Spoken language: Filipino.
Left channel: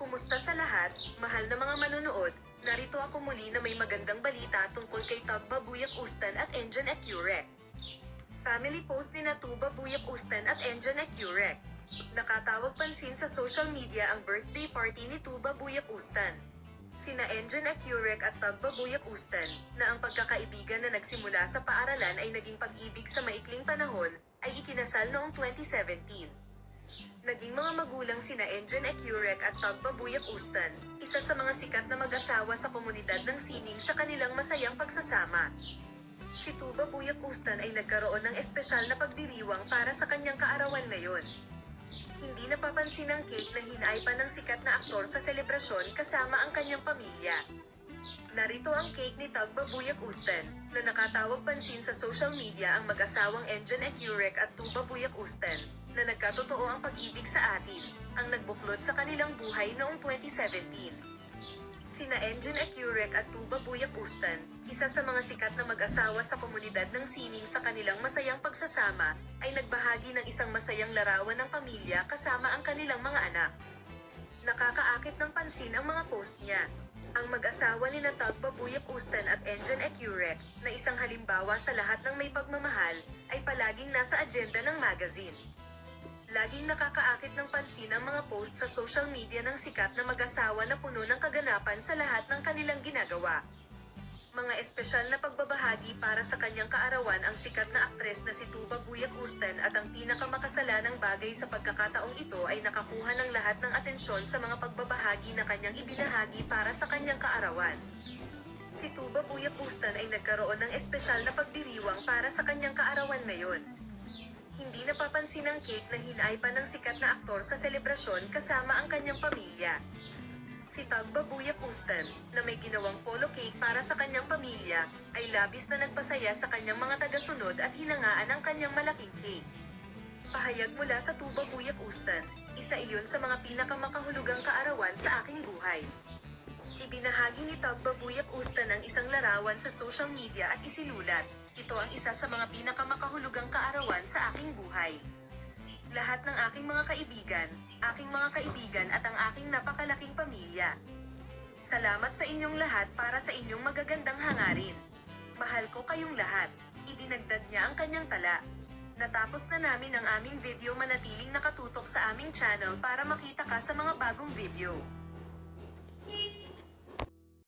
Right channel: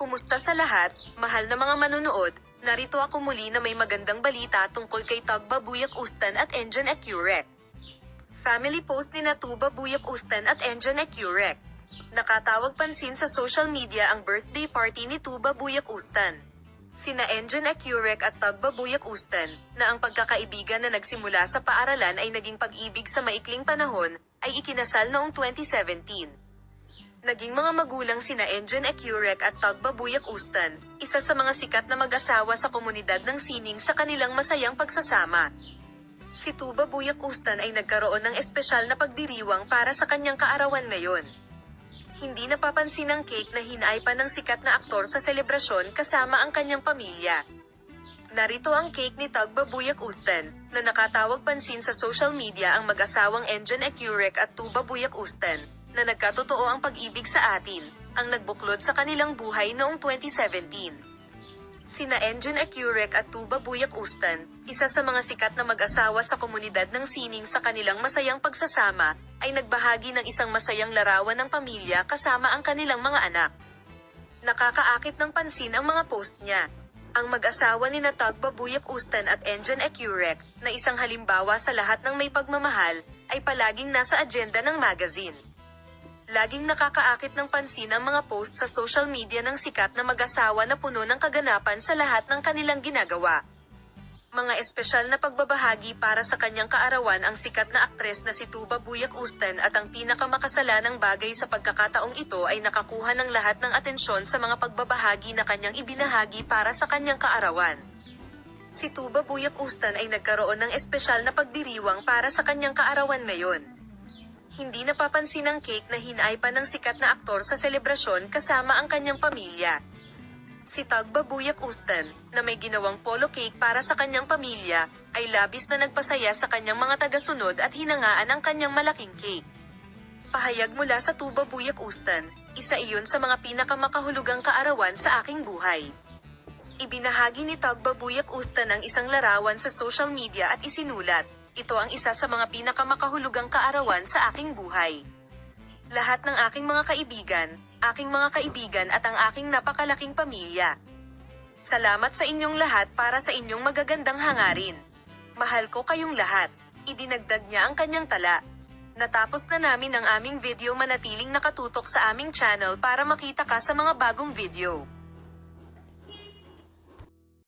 Kumusta sa lahat, mahal na mga manunood, narito ako muli na may magandang balita tungkol kay Tugba Buyak Ustan at Engine Ecurek. Family post ni Tuba Buyak Ustan at Engine Ecurek. Nakatawag pansin sa social media ang birthday party ni Tuba Buyak Ustan. Sina Engine Ecurek at Tugba Buyak Ustan, na ang pagkakaibigan na nagsimula sa paaralan ay naging pag-ibig sa maikling panahon, ay ikinasal noong 2017. Naging mga magulang sina Engine Ecurek at Tugba Buyak Ustan, isa sa mga sikat na mag-asawa sa komunidad ng sining sa kanilang masayang pagsasama. Si Tuba Buyak Ustan ay nagkaroon ng espesyal na pagdiriwang para sa kanyang kaarawan ngayon. Hindi napapansin ang cake na hinaipan ng sikat na aktor sa selebrasyon kasama ang kanyang pamilya. Narito ang cake ni Tugba Buyak Ustan, na nakatawag pansin sa social media ang mag-asawang Engine Ecurek at Tuba Buyak Ustan, na nagkatotoo ang pag-ibig sa atin, ang nagbuklod sa kanilang buhay noong 2017. Sina Engine Ecurek at Tuba Buyak Ustan, isa sa mga sikat na mag-asawa sa komunidad ng sining sa kanilang masayang pagsasama, ay nagbahagi ng isang masayang larawan ng pamilya kasama ang kanilang mga anak. Nakakaakit ng pansin ang mga post niya. Ang mag-asawa ni Tugba Buyak Ustan at Engine Ecurek, na isang halimbawa sa lahat ng may pagmamahal, ay palaging nasa agenda ng magazine. Laging nakakaakit ng pansin ang mga post sa social media ng sikat na mag-asawa na puno ng kaganapan sa lahat ng kanilang ginagawa. Mga espesyal na pagbabahagi para sa kanyang kaarawan ang sikat na aktres na si Tuba Buyak Ustan at ang pinakamakasalanang bagay sa pagkakataong ito ay nakakuha ng lahat ng atensyon sa mga pagbabahagi na kanyang ibinahagi para sa kanyang kaarawan. Si Tuba Buyak Ustan ay nagkaroon ng espesyal na pagdiriwang para sa kanyang kaarawan ngayon. Hindi napapansin ang cake na hinaipan ng sikat na aktor sa selebrasyon kasama ang kanyang pamilya. Si Tugba Buyak Ustan, na may ginawang polo cake para sa kanyang pamilya, ay labis na nagpasaya sa kanyang mga tagasunod at hinangaan ang kanyang malaking cake. Pahayag mula sa Tuba Buyak Ustan, isa iyon sa mga pinakamakahulugang kaarawan sa aking buhay. Ibinahagi ni Tugba Buyak Ustan ang isang larawan sa social media at isinulat, "Ito ang isa sa mga pinakamakahulugang kaarawan sa aking buhay. Lahat ng aking mga kaibigan at ang aking napakalaking pamilya. Salamat sa inyong lahat para sa inyong magagandang hangarin. Mahal ko kayong lahat." Idinagdag niya ang kanyang tala. Natapos na namin ang aming video, manatiling nakatutok sa aming channel para makita ka sa mga bagong video.